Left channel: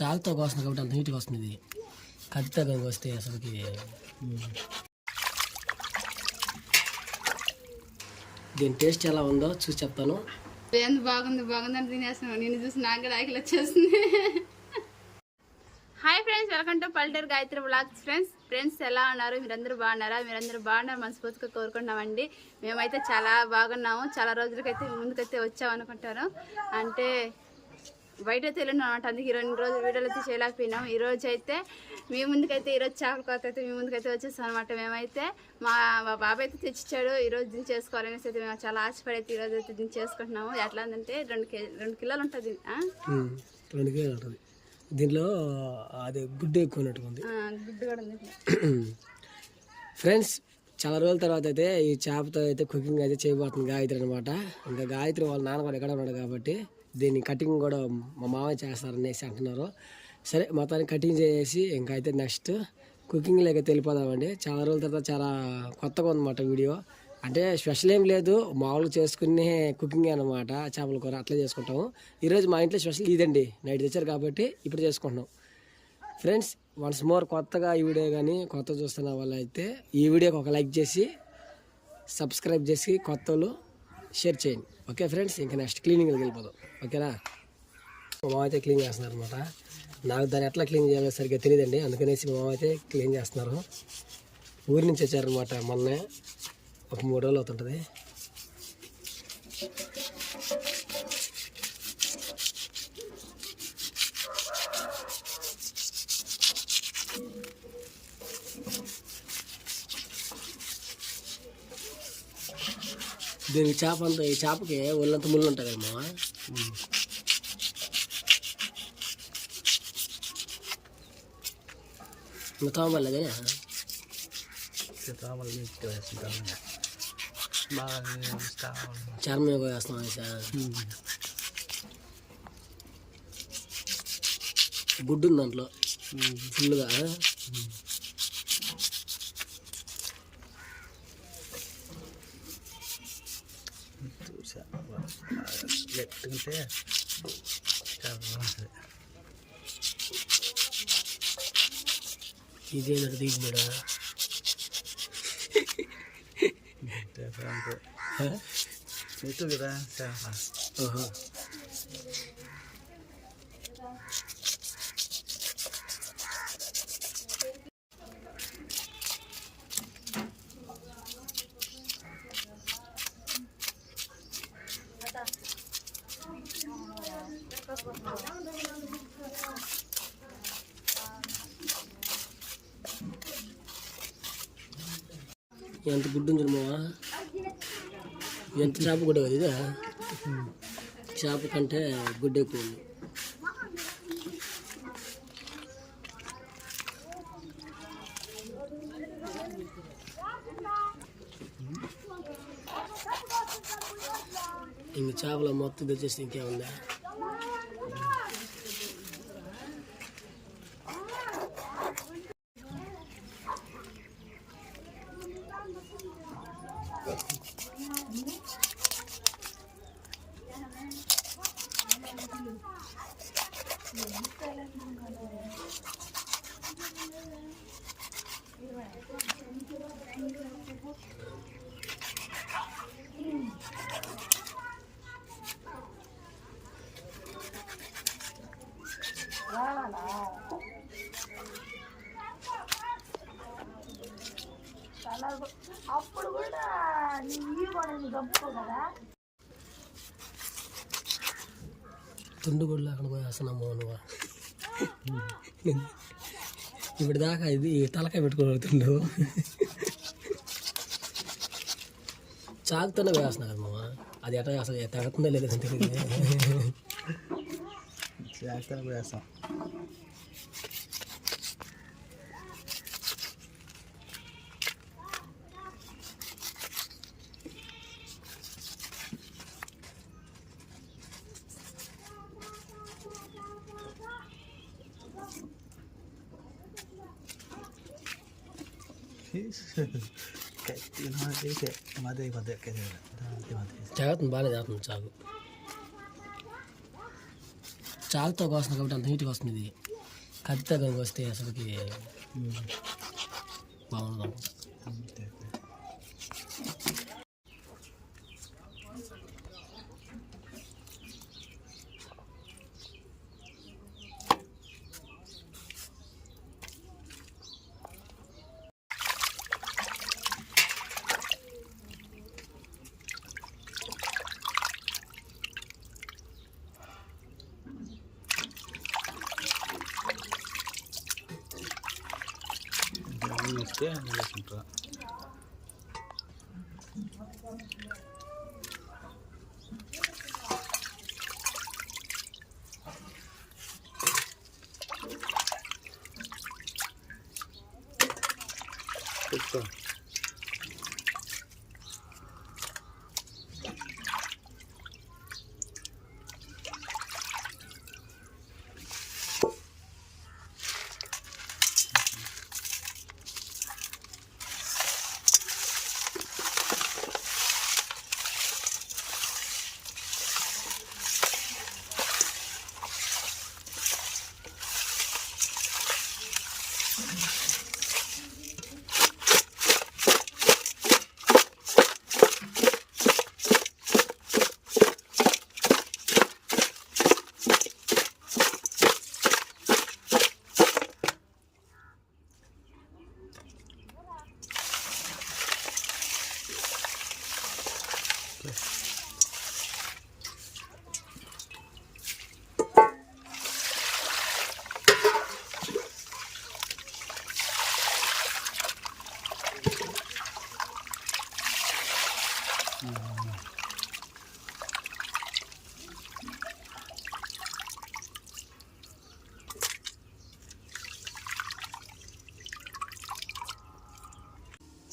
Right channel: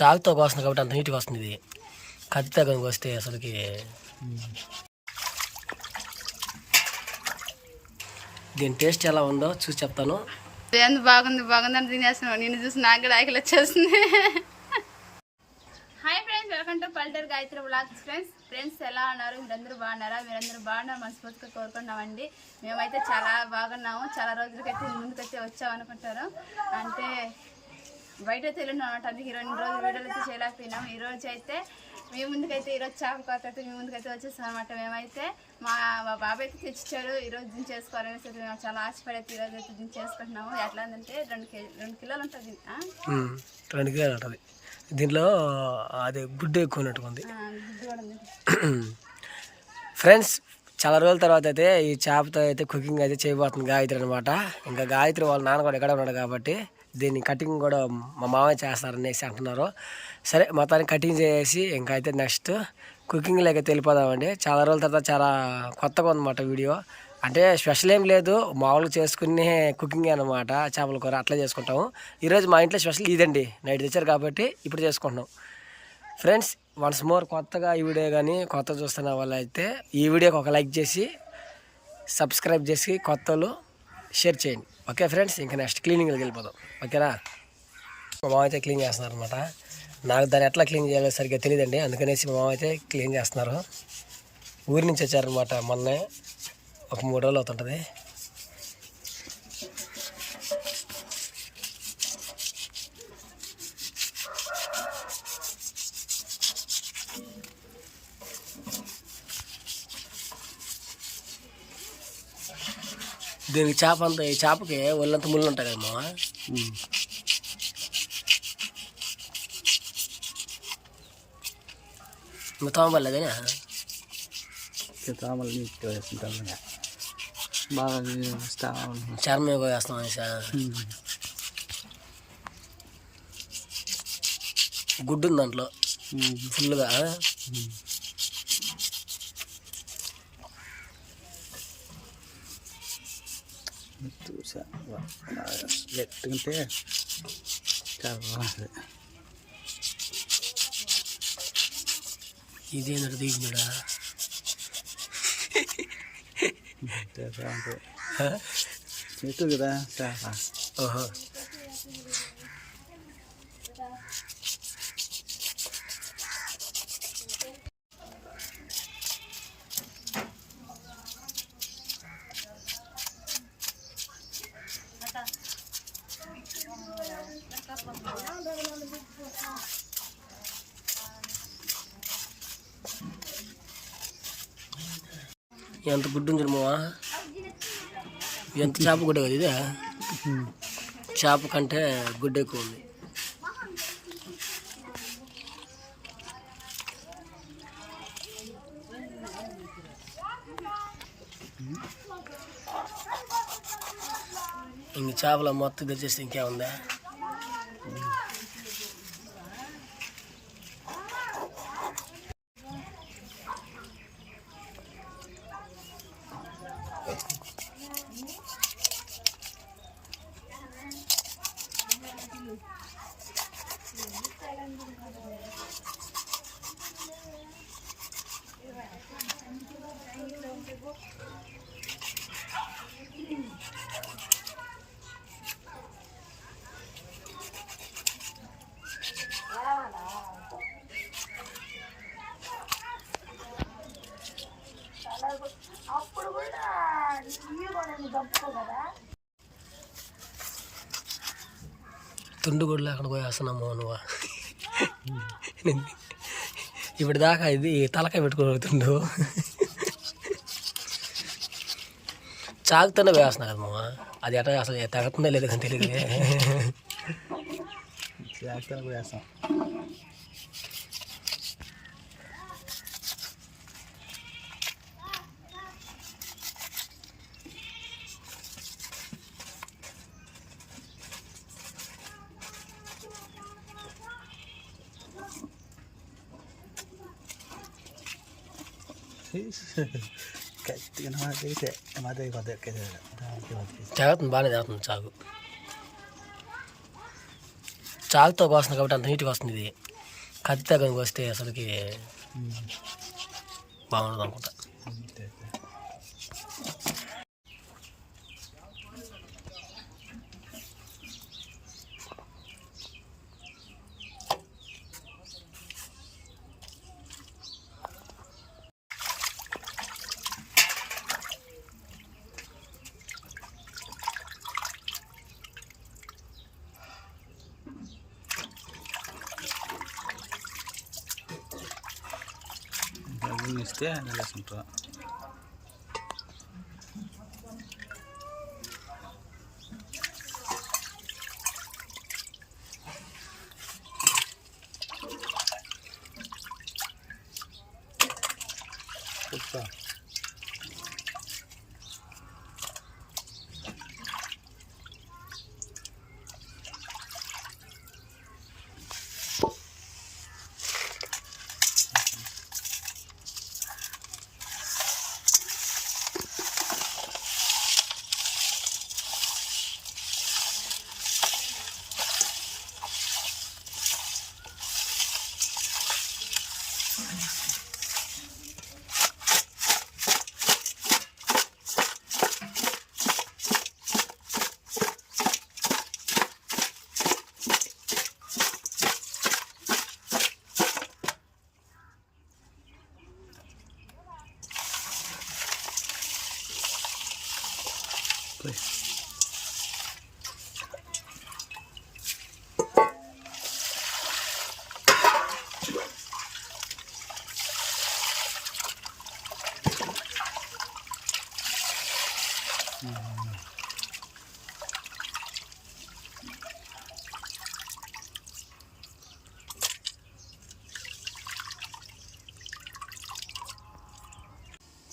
చాకుతో కోస్తుంది కాబట్టి అంత నీట్గా వస్తుంది. ఇది కత్తితో కనుక వస్తే అసలుకి దీని టేస్ట్ ఎలా ఉందో చూసి చెప్తాను. బాగుంది బాగుందని తినేస్తున్నావు. నేను చూసి నాకు కూడా ఆకలి వచ్చేస్తుంది. హాయ్ ఫ్రెండ్స్, వెల్కమ్ టు పల్లెటూరు గాయత్రి వ్లాగ్స్. ఫ్రెండ్స్ ఎలా ఉన్నారు? మీరందరూ బాగున్నారా? మీరందరూ బాగున్నారు మనస్ఫూర్తిగా కోరుకుంటున్నామండి. మేమైతే చాలా బాగున్నాము. చాలా రోజులకైతే ముందుకైతే వచ్చామనుకుంటాను. అంటే బయట అయితే వెళ్ళినాం అనమాట. అందుకే 2 రోజులు వీడియోలు అయితే చేయలేకపోయినాం. ఈరోజు అయితే మీ ముందుకైతే ఈరోజు చేపల కొత్త అయితే మీ ముందుకైతే వచ్చేస్తాం అనమాట. మేమైతే మా బాబాయ్ అయితే తెచ్చిచ్చాడు. ఈరోజు దించేసుకోవాలనేసి అయితే మేము చాలా ఆశపడి అయితే ఈరోజు అయితే దించేసుకుంటున్నాము. ఎట్లా అంటే 2 కిలోలు ఉంటుంది. 2 కిలోలు ఉంటుంది. దీంట్లో అది గుడ్డు ఎక్కువ ఉన్నట్టుగా ఉంది. గుడ్డు కూడా ఉంది ఫ్రెండ్స్. చాలా రోజుల తర్వాత అయితే ఈ చేపతో అయితే కుకింగ్ అయితే చేయబోతుంది గాయత్రి అనమాట. ఇంకా గాయత్రి వాళ్ళ నాన్న కూడా ఎక్కడ ఉన్నాడు కాబట్టి దీన్ని కటింగ్ కూడా మా మామయ్య చేస్తారనేసి అంటున్నారు. సరే మొత్తానికి కటింగ్ చేసి ఇంకా అయితే నెక్స్ట్ కుకింగ్లోకి అయితే వెళ్ళిపోదామండి. చాలా రోజుల తర్వాత చాలా కొత్తగా ఉందన్నమాట వీడియో. అంటే స్పెషల్ ఏం లేదు, మామూలుగా చేసుకునే కుకింగ్ అనమాట. చేపల కూర అట్లా చేసుకుంటాము. ఈరోజు మా ఇంట్లో స్పెషల్ ఇదండి. నైట్ తెచ్చారు కాబట్టి ఇప్పుడు చేసుకుంటున్నాం. ఫ్రెండ్స్, వన్స్ మోర్ కొత్తగా ఈ వీడియో కానీ కొత్త చూస్తున్న వాళ్ళు అయితే ఈ వీడియోకి ఒక లైక్ చేసి సబ్స్క్రైబ్ చేసి కొత్త వాళ్ళు షేర్ చేయండి. ఓకే ఫ్రెండ్స్, ఇంకా నెక్స్ట్ క్లీనింగ్కి వెళ్ళిపోదాం. ఓకేనా? మా మామ అయితే క్లీన్ చేస్తున్నారు అనమాట. నాకు దాన్ని ఎట్లా క్లీన్ చేయాలో సరిగ్గా తెలియదండి. అందుకనేసి మా మామ అయితే క్లీన్ చేస్తున్నారు. ఊరి నుంచి వచ్చారనమాట. మొన్నే ఒక 3 రోజులు అవుతుంటుంది. దీనికి చేప అంతా, ఈ చేపకి ఒళ్ళంతా ముళ్ళు ఉంటాయి కదా మామ. ఇంకా తోమబడలేదేనా? చర్మ వేస్తాం అనేసా. గుడ్డు ఉంది దాంట్లో ఫుల్గా. గట్టింటే ఇదేంటే దిగున్నాడా? కదా. ఓహో, ఎంత గుడ్డు ఉంది మావా. ఎంత చేప గుడ్డ కదా ఇదే. చేప కంటే గుడ్డ ఎక్కువ ఉంది. ఇంక చేపల మొత్తం తెచ్చేస్తే ఇంకేముందా? తుండు కూడా లేకుండా పోయేస్తున్నాము నువ్వు. ఇప్పుడు దాకా ఇది తలకాయ పెట్టుకోగలుగుతుండు. చాకుతోనే వేస్తున్నా కదా మామ. అది ఎట్లా అసలు తగ్గుతుందో లేదు కానీ తెలియదు. వేస్తాం. జాగ్రత్త బాగానే జాగ్రత్త. చాకుతో కోస్తుంది కాబట్టి అంత నీట్గా వస్తుంది. ఇది కత్తి తగ్గనికి వస్తే అసలుకి బాగుండదు అనుకుంటా. ఇస్తే నిలేసుకుంటారు. చెప్తా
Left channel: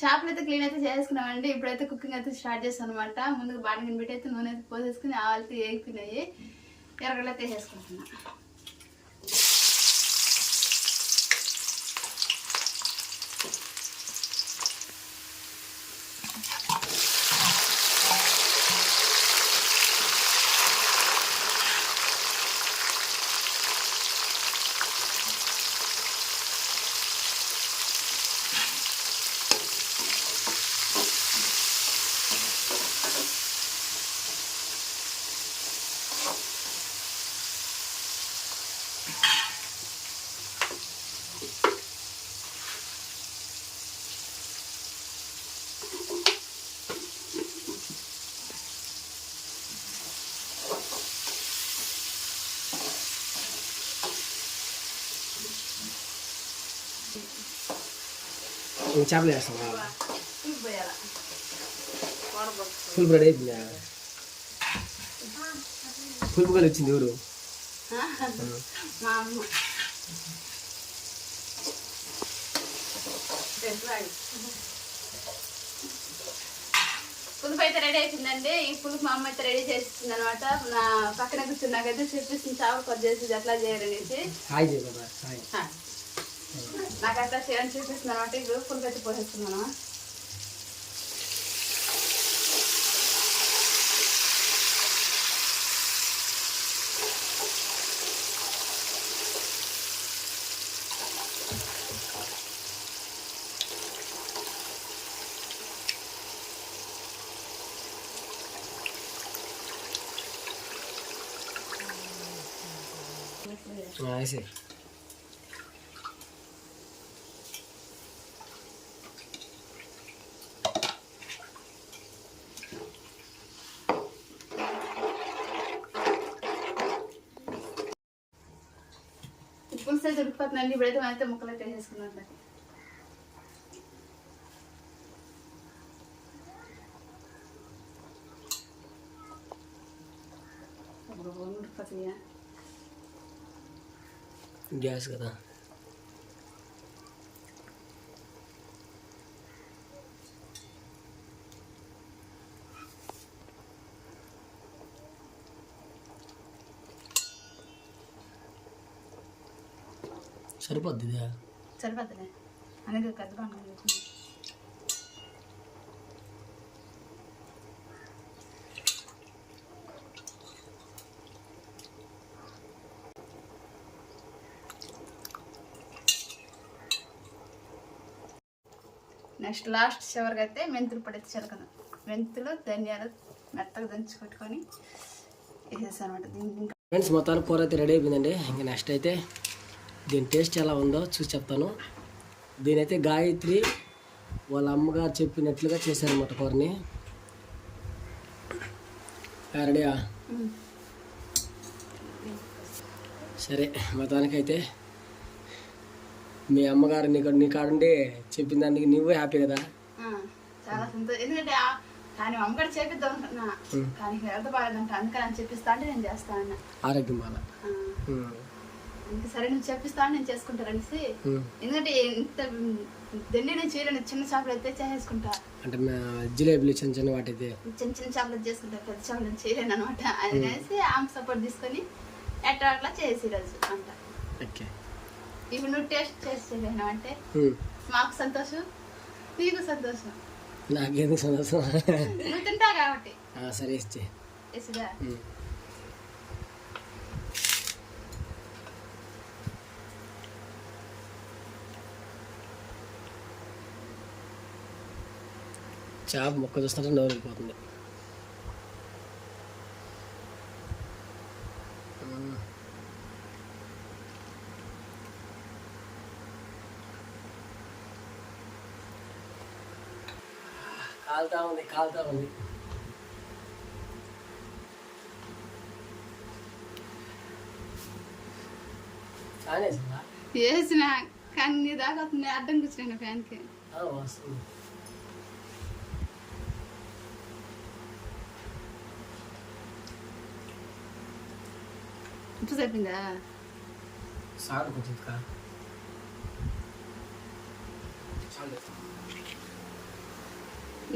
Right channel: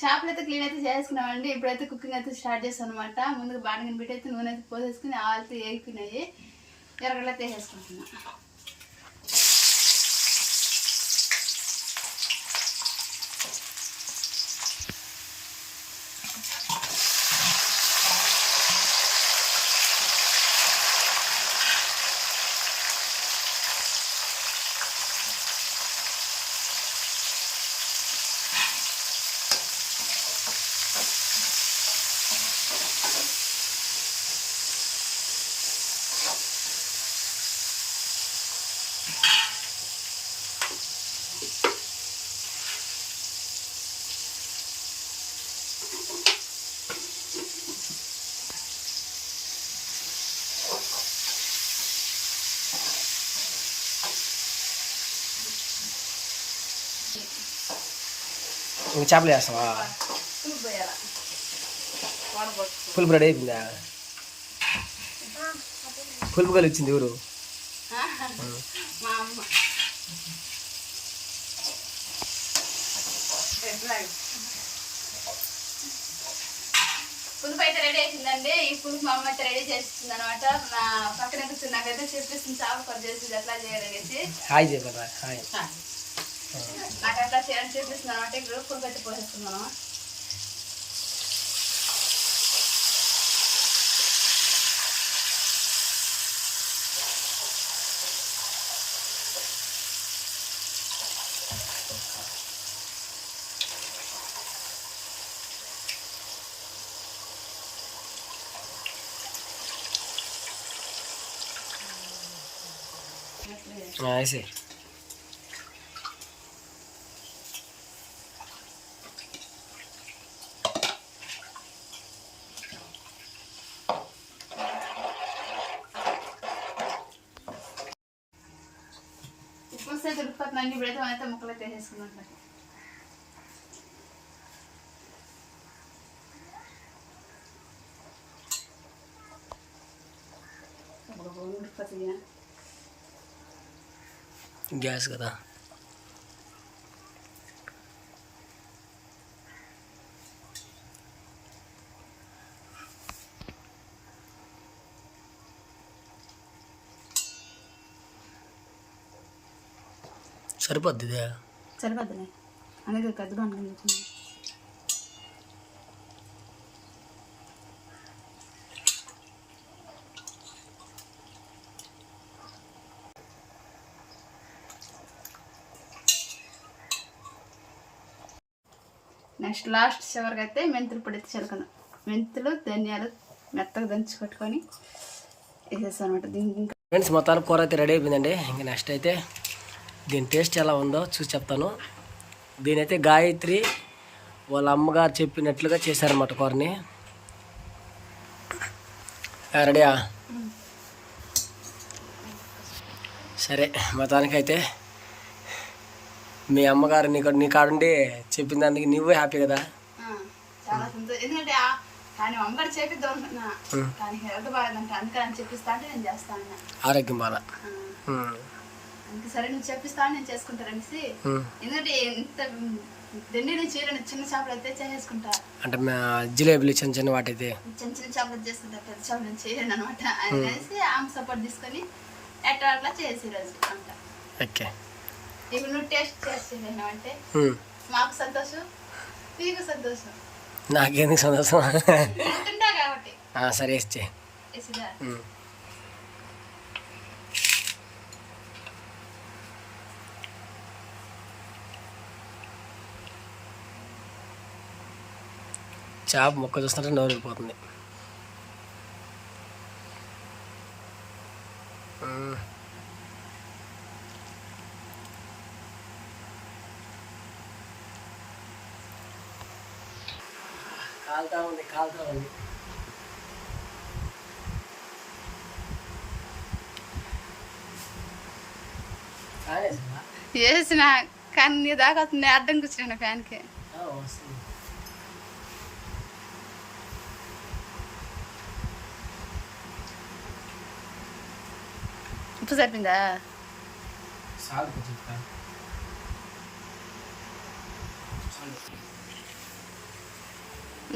చేపలు అయితే క్లీన్ అయితే చేసుకున్నామండి. ఇప్పుడైతే కుకింగ్ అయితే స్టార్ట్ చేస్తాం అనమాట. ముందుగా బాగా బిట్టి అయితే నూనె అయితే పోసేసుకుని ఆవాలతో ఏగిపోయినాయి. ఎర్రగడ్డలు అయితే వేసేసుకుంటున్నా. ఇంకా చేపలు వేస్తావా? పులుపు పోయాల. పులుపు రెడీ అయిపోయిందా? పులుపు కలిసి వచ్చింది ఎవరు? మా అమ్మ. పులుపు అయితే రెడీ అయిపోయిందండి. ఈ పులుపు మా అమ్మ అయితే రెడీ చేస్తుంది అనమాట. నా పక్కన కూర్చున్నాకైతే చూపిస్తుంది చేపలు కట్ చేసి ఎట్లా చేయాలనేసి. హాయ్ చెప్పరా? హాయ్. నాకు అట్లా చేయాలని చూపిస్తుంది అనమాట. ఇప్పుడు పులుపు అయితే పోసేస్తున్నాను. వేసే పులుసు అయితే ఉడికిపోతుందండి. ఇప్పుడైతే మనైతే ముక్కలు అయితే వేసేసుకున్నాం. ఉడికిపోతుంది. గ్యాస్ కదా. సరిపోద్ది ఇదే. సరిపోద్దులే అనేది పెద్దగా ఉంటుంది. నెక్స్ట్ లాస్ట్ చివరికి అయితే మెంతులు పొడి అయితే చిలకను. మెంతులు ధనియాలు మెత్తగా దంచి కొట్టుకొని వేసేసాను అనమాట. దీనికి ఇంకా ఫ్రెండ్స్ మొత్తానికి కూర అయితే రెడీ అయిపోయిందండి. ఇంకా నెక్స్ట్ అయితే దీని టేస్ట్ ఎలా ఉందో చూసి చెప్తాను. దీనైతే గాయత్రి వాళ్ళ అమ్మగారు చెప్పినట్లుగా చేశారన్నమాట కూరని. రెడీయా? సరే, మొత్తానికైతే మీ అమ్మగారు నీ కాడుండి చెప్పిన దానికి నువ్వే హ్యాపీ కదా? చాలా సంతోషం. ఎందుకంటే కానీ అమ్మగారు చేపిద్దాం అనుకున్నా, కానీ హెల్త్ బాగాలేదంట, అందుకని అని చెప్పిస్తా అంటే నేను చేస్తా అన్న. ఆరోగ్యం బాగా అందుకే సరే నువ్వు చెప్పిస్తా అని నేను చేసుకుంటారనేసి. ఎందుకంటే ఇంత దండి నేను చేయలేను, చిన్న చేపలు అయితే చేసేసుకుంటా. అంటే జిలేబీలు చిన్న చిన్న వాటైతే చిన్న చిన్న చేపలు చేసుకుంటా, పెద్ద చేపలు నేను చేయలేను అనమాట. అనేసి ఆమె సపోర్ట్ తీసుకొని ఎట్లా అట్లా చేసి రోజు అంట. ఓకే, ఇప్పుడు నువ్వు టేస్ట్ చేసేసావంటే మాకు సంతోషం, నీకు సంతోషం, నాకేందుకు సంతోషం. నువ్వు తింటావు కాబట్టి. సరే ఇచ్చే. వేసిదా చేప మొక్క చూస్తుంటే నోరు వెళ్ళిపోతుంది. కాలుతా ఉంది. వేసిన కానీ నీ దాకా వస్తుంది, అడ్డం కూర్చున్నాను ఫ్యాన్కి. వస్తుంది. ఉప్పు సరిపోయిందా? చాలు కొంచెం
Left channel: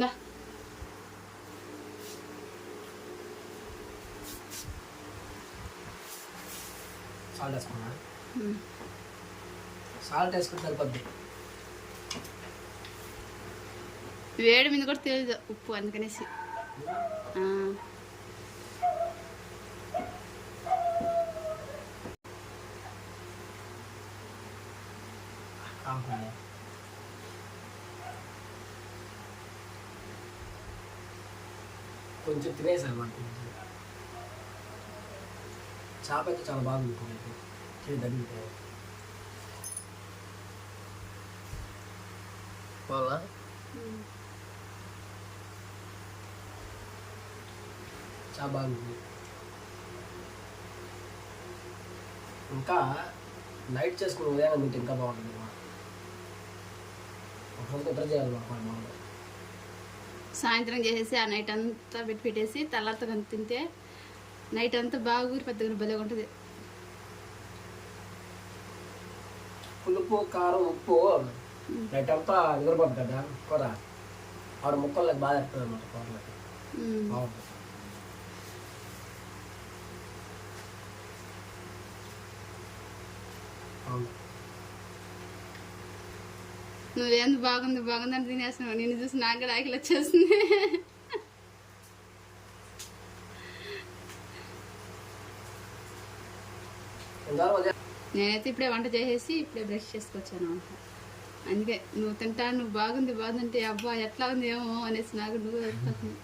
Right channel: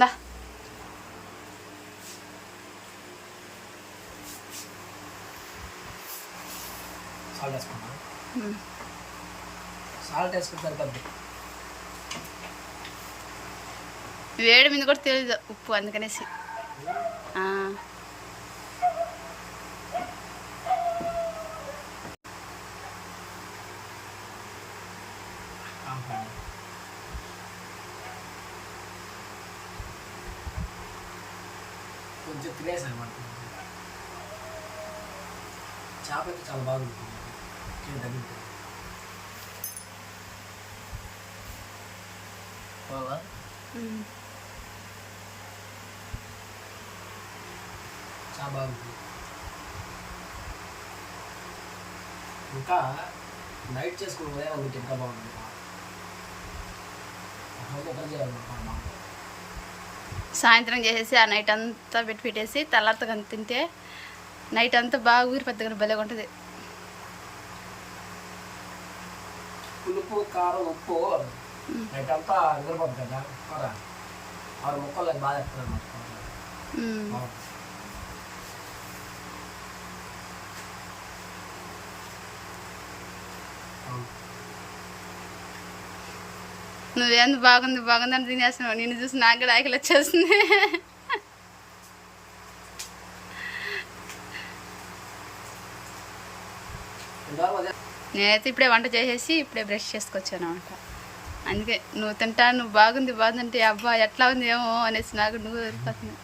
దా సాల్ట్ వేసుకున్నా. సాల్ట్ వేసుకుంటే సరిపోద్ది. వేడి మీద కూడా తెలియదు ఉప్పు, అందుకనేసి. కొంచెం తినేసాను మనకు. చేప అయితే చాలా బాగుంటుంది, తగ్గుతుంది. చాలా బాగుంది. ఇంకా నైట్ చేసుకుని ఉదయం తింటే ఇంకా బాగుంటుంది. నిద్ర చేయాలన్నమాట బాగుంటుంది. సాయంత్రం చేసేసి ఆ నైట్ అంతా పెట్టేసి తెల్లారితో తింటే నైట్ అంతా బాగా ఊరి పెద్దగా భలేగా ఉంటుంది. పులుపు కారం ఉప్పు నైట్ అంతా నిద్రపోతుంది కదా కూర. 6 ముక్కలు బాగా ఎత్తుంది అన్నమాట. బాగుంటుంది. నువ్వేంది బాగుంది అని తినేస్తున్నావు. నిన్ను చూసి నాకు కూడా ఆకలి వచ్చేస్తుంది. నేనైతే ఇప్పుడే వంట చేసేసి ఇప్పుడే బ్రష్ చేసుకొచ్చాను అనమాట. అందుకే నువ్వు తింటా, నువ్వు బాగుందంటే అబ్బా ఎట్లా ఉంది ఏమో అనేసి నాకు నువ్వు వెళ్ళిపోతుంది.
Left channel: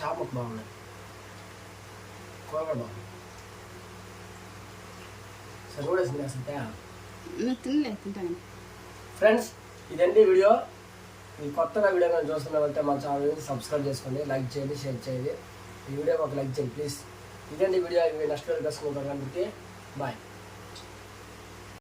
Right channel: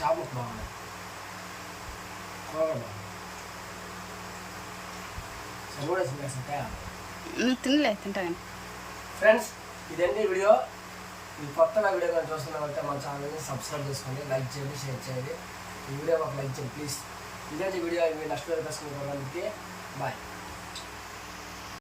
చేప బాగుంది, కూర బాగుంది. నువ్వు తినలే, తింటా కానీ. ఫ్రెండ్స్, ఇదండి వీడియో. ఈ కొత్తగా వీడియో కానీ చూస్తున్నామంటే మన ఛానల్ని సబ్స్క్రైబ్ చేసుకోండి, లైక్ చేయండి, షేర్ చేయండి. ఈ వీడియో ఒక లైక్ చేయండి ప్లీజ్. ఇదండి వీడియో. నెక్స్ట్ వీడియో కోసం బాయ్.